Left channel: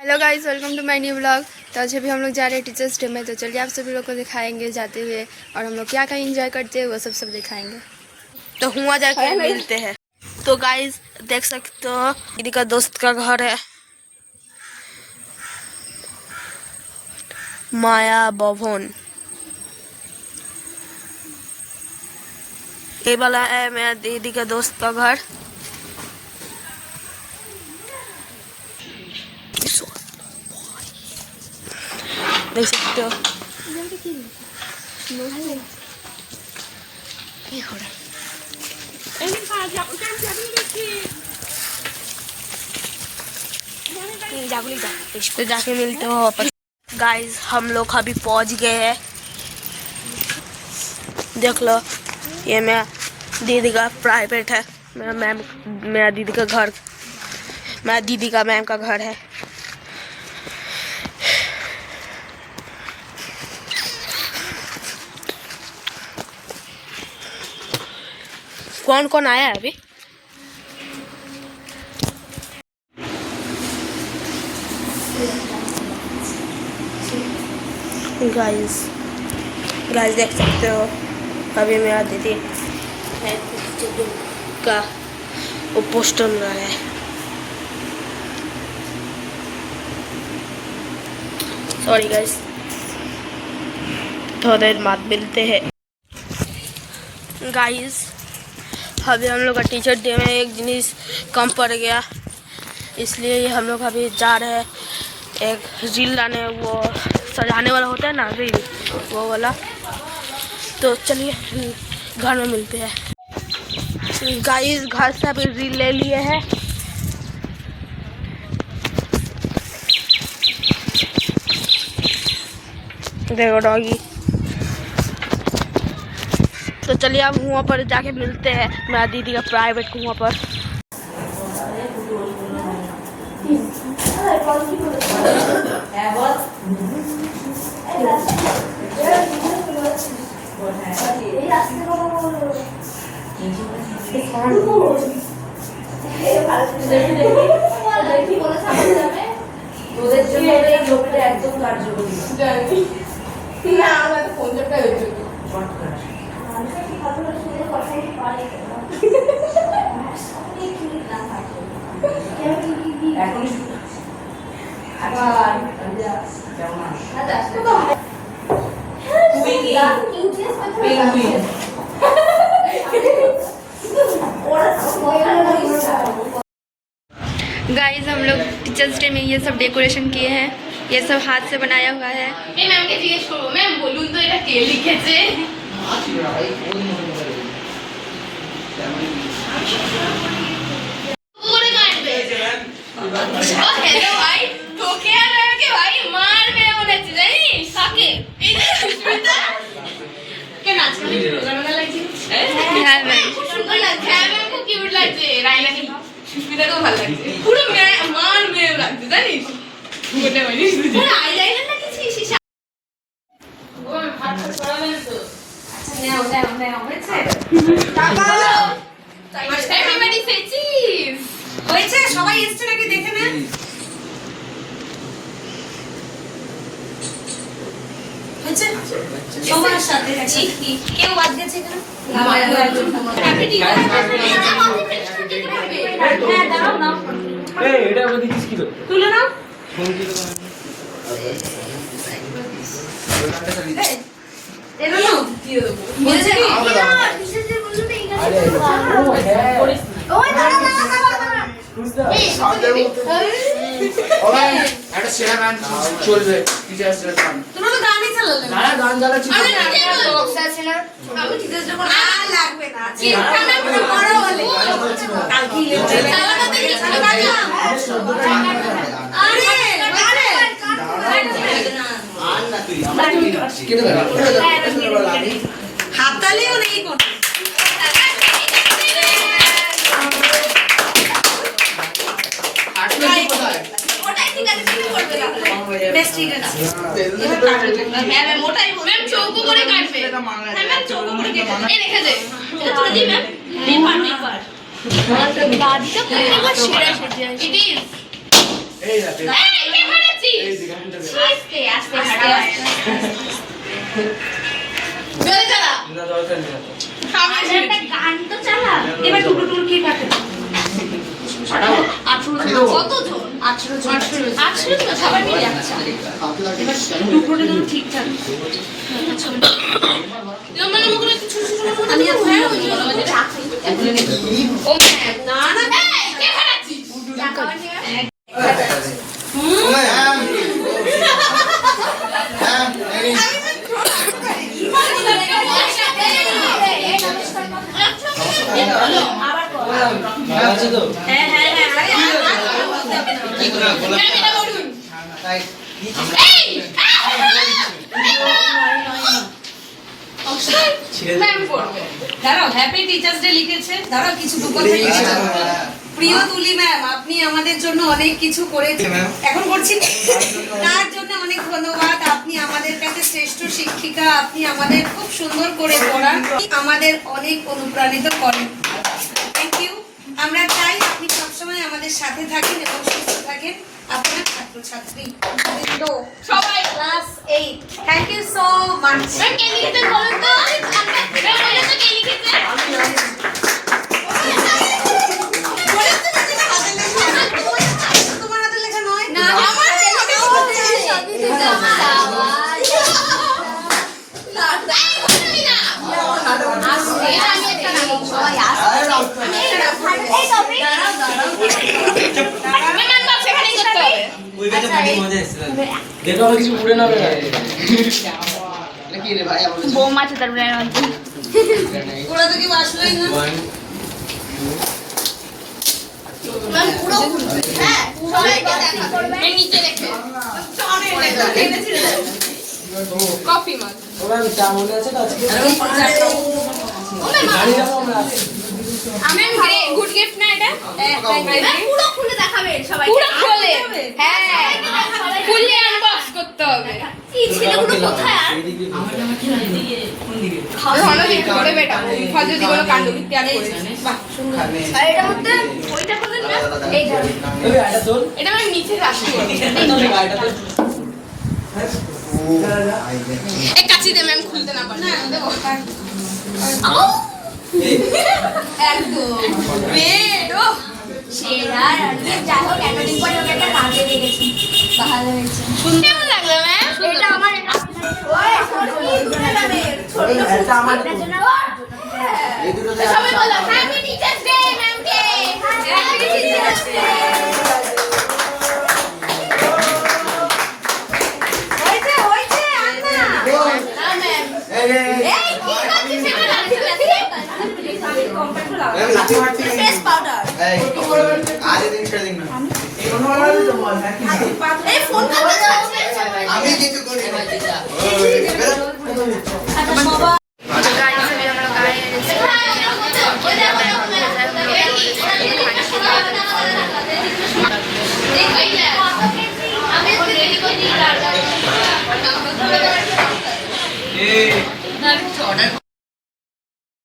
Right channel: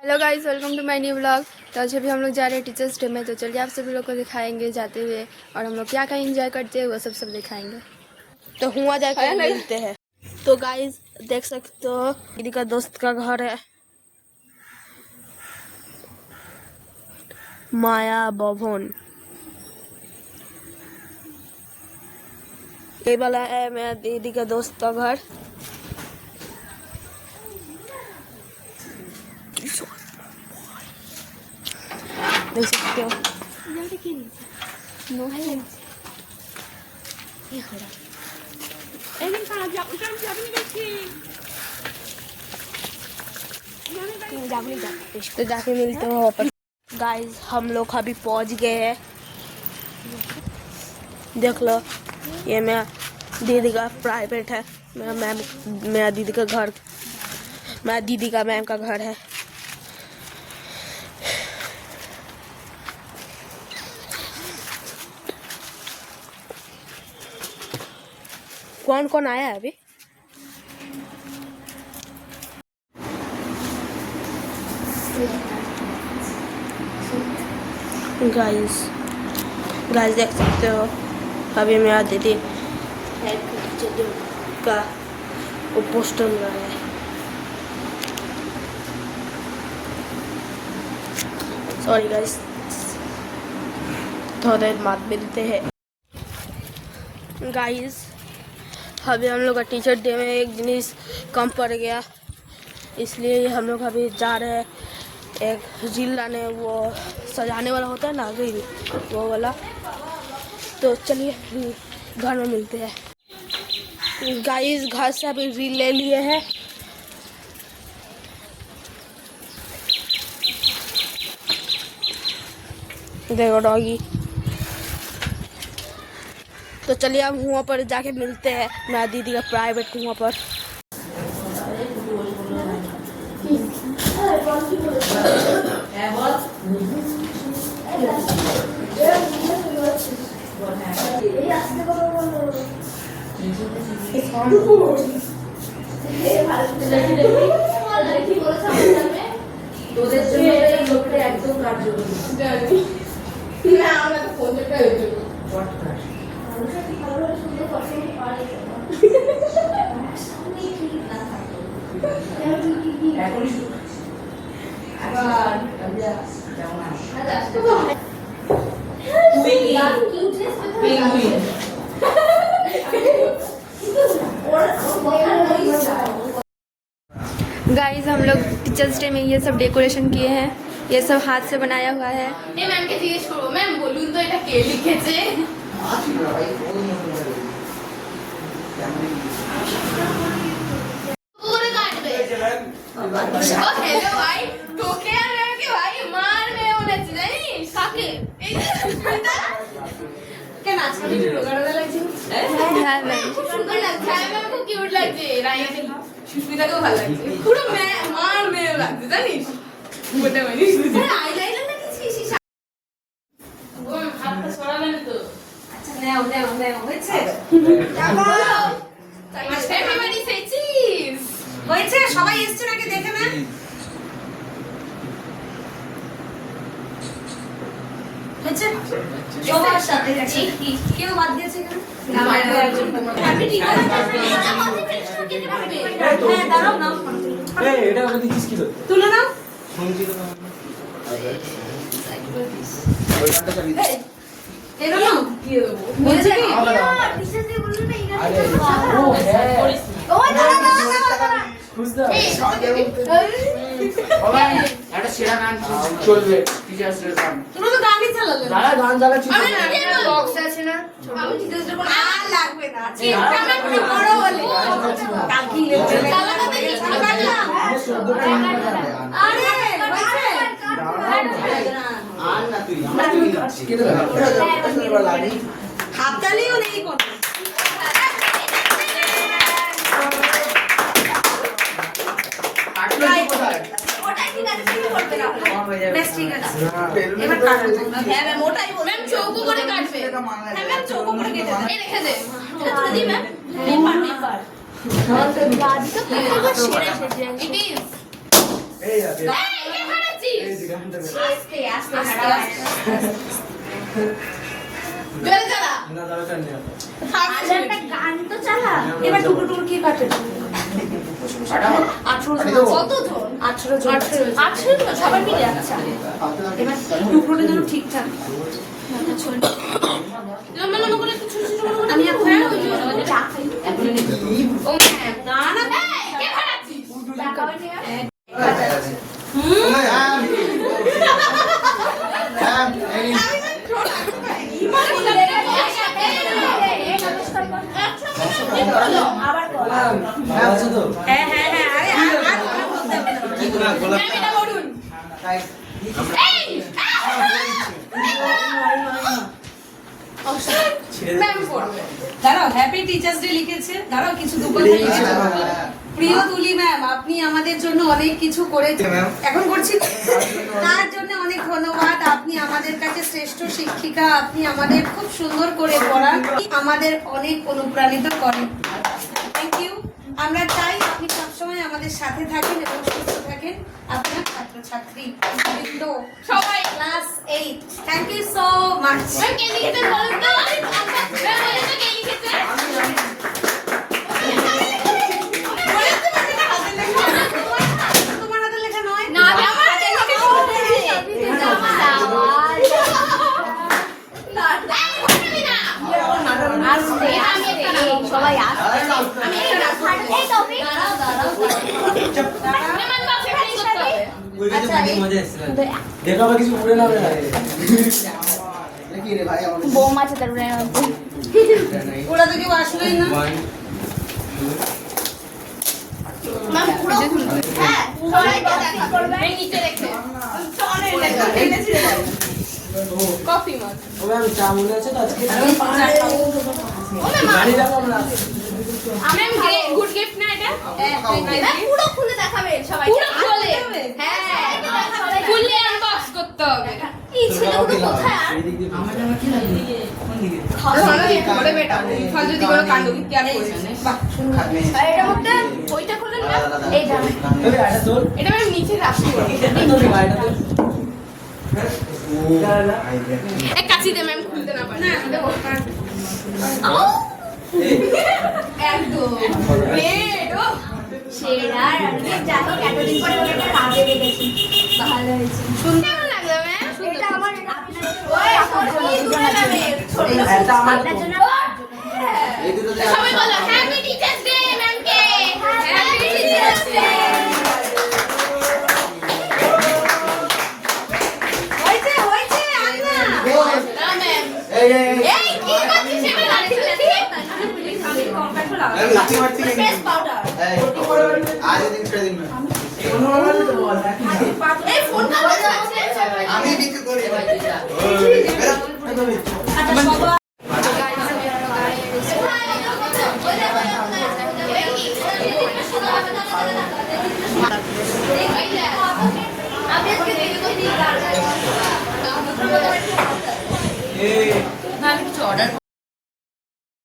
Hello guys, welcome to my new blog. तो आज अभी हम लोग जा रहे हैं टीचर्स डे में। तो चलिए आप सभी लोग को दिखाएंगे जाते हुए, और हम लोग क्या क्या एंजॉय करते हैं वो सब दिखाएंगे। तो हुआ जाके मिलते हैं। तो गाइस देख सकते हो, दीदी का दोस्त का घर है, माया भवन। ये वाला है मेरा दीदी का दोस्त का घर। देख सकते हो तो जाके मिलते हो वापस। गाइस हम लोग अभी पहुंच गए हैं। देख लो, ये मेरा दीदी का प्राइवेट है, मेरा दीदी का घर, मेरा दीदी का मैम का घर है। कौन कौन आया है अभी? गाइस देख सकते हो, अभी मेरा दीदी का वो पोस्टर में आया है। सॉरी गाइस, थोड़ी देर बाद मिलते हैं। गाइस अभी हम लोग का टीचर डे में एक जिनिस कम पड़ गया, इसलिए हम लोग अभी जा रहे हैं एक रील लाने। वो सजाने वाला होता है ना, रील वो वाला। तो चलिए घर में मिलते हैं। गाइस घर से अभी रील ले लिए हैं। देखो डॉगी। तो चलिए अब वहाँ पर जाके मिलते हैं, मेरा दीदी का प्राइवेट को वहाँ पर। गाइस हम लोग टीचर्स डे में ये सब डेकोरेशन किए हैं। ये सब हाथ से बनाया हुआ है। मैम के जिज्ञेस करो, मैम बोलूं तो এটা কে লিখেছে? পুরো কাটবে। ও हेलो भाई, তোকে আর ম্যামকে ভাই মারবে মনে হচ্ছে, জানিস কাকে? এই যে সুস্মিতা কে নাচ করে রোগা রোগা লাগছে। হ্যাঁ ম্যাম খুব সুন্দর লাগছে। হ্যাঁ ম্যাম খুব কিউট লাগছে। রাইনাকে সুস্মিতাকেও ভালো লাগছে। পুরো মার মেয়ে লাগছে, জানিস? মোটা মানিস বুঝি। আইলাইনার লাগিয়েছিস? ও হাতটা ছড়াবে না তো। আচ্ছা নাও হয়েছে। তাকাও। এভরিবডি সে চিজ। হয়েছে, সবাই এসছে নাকি দেখে না? হয়েছে সবার সাথে আছে। কেউ বাদ গেছে না? হ্যাঁ দাঁড়াও না। এই এটা আমাদের কিস কিলো তুলে নাও। এলো না দিয়ে দেবো। বলছে কি কিসে যে বলছো না ইংরেজি। আরে ও দাঁড়া খুঁজদা এই সাদের মধ্যে ওরা একটা সেরা গান চলবে টিচার্স ডে গান। তুমি তো গানই চালালে। দাঁড়া গান চালাচ্ছি। আরে বক্স আছে না, আমি টিচার্স ডে কোন আর লাগবে না। চিন্তা না করে বড় বলে কালকে চালাতে দেখি গান। আরে আর না তুই হাততালিও নেই কোন। ওটাই ঠিক আছে, তুমি করবে না বেশ ঠিক আছে। এবার কাটবে। হ্যাঁ ম্যাম ওটাই ম্যাম চৌকো করে কাটবে। হ্যাঁ ম্যাম চৌকো করে কেটে এই রেখে দে। এটা তুলে দি ম্যাম। এই পার আমার তো দাদি তো পুরো সেরা সত্যি ইট ইজ এই রাতে এই কে ফাটাচ্ছিস এই দিকে আমি দেবে আস্তে আস্তে ফাটা জোরে চালা না দরকার নেই না আরে একটা গান তো চালা এবার টুকরো টুকরো কি কাটে 18 কত জন 18 জন 18 জন সবাই মিলে আচ্ছা এবার টুকরোটা যেন ঠিকঠাক লম্বা লম্বা করে একটু ছোট ছোট করে আমি আপনার ওই যে চা খাই এখন ও না না কে খাচ্ছিস চা খাওয়া নিয়ে আবার কর ভালো আছে তো হ্যাঁ হ্যাঁ হ্যাঁ আরে কি করে বলা এটা বলুন তাই এই ম্যাম পড়বে দাঁড়াও হ্যাপি টিচার্স ডে লিখেছে দাঁড়াও কিছু দু কথা লিখেছে প্রিয় তুলি ম্যাম আপনি আমাদের জন্য অনেক কিছু করেছেন এখন করছি তার জন্য অনেক ধন্যবাদ আপনি আমাদের কাছে শ্রেষ্ঠ শিক্ষিকা আপনি আমাদের খুব সুন্দর করে পড়ান আমাদের অনেক অনুপ্রাণিত করেন থ্যাংক ইউ আমরা চাই আপনি সবসময় আমাদের সাথে থাকেন এবং সুস্থ থাকেন আপনার ছাত্রছাত্রী সবাই class 8 thank you so much ma'am কে লিখেছে বলুন তো ম্যাম বলুন তো কে লিখেছে তোমার হাতে লেখা নয় না আমার সবাই ওই কাছে পানি মজা এসেছে দেখো আমার কিছু পুরো না হবে এটা কি রে ভাই আমার বোম আছে তারপরে ওরা তো কেউ আসলোই না ম্যাম পুরো হ্যাঁ সবাইকে দেখা করবে এই নিচে রেখে অনেক লেখা এটা ছিড়ে যাবে কফি মাছ ওরা চা মনে আছে তো আজকে গাড়ি যাবো আমরা ম্যাম গুড গিফট না এটা পুরো খুলে দেখাবে সবাই পুরো খুলে হ্যাঁ খুলে আনবক্স করতে হবে এই ছেলেগুলো কোথায় আমার জামা কি লাগে কোন দিকে ভালো করে বেটা ফাজু দিগুলো কাণ্ড কীর্তি আর বাহ আর এটা মধ্যে ওইটা করবেন না এইটা ওই আটা তোল এটা আমি নিচে রাখছি এটা তোল গাড়িটা তোল এই কাচি দে ম্যাম খুলতে না পারে না দেখো একদম বেড ও সেরা যাও এতদিন পরে ওকে একটা কাজে দেখেছি ভালো হয়েছে কেমন লাগলো ম্যাম এটা আমার ওই আপনার জন্য এটা আমার এই দুটো সবাই বলো হ্যাপি টিচার্স ডে ম্যাম কে হ্যাপি টিচার্স ডে হইছে হইছে আন্না ম্যাম এই রে এই কি করছিস এটা লাগছে আমি লাঠি মারছি ফেস পাউডার এই আজ দিন ছেড়ে দিন না এই ফোন করতে যাচ্ছে আমি কিছু করি না तो गाइस अभी हम लोग आए हैं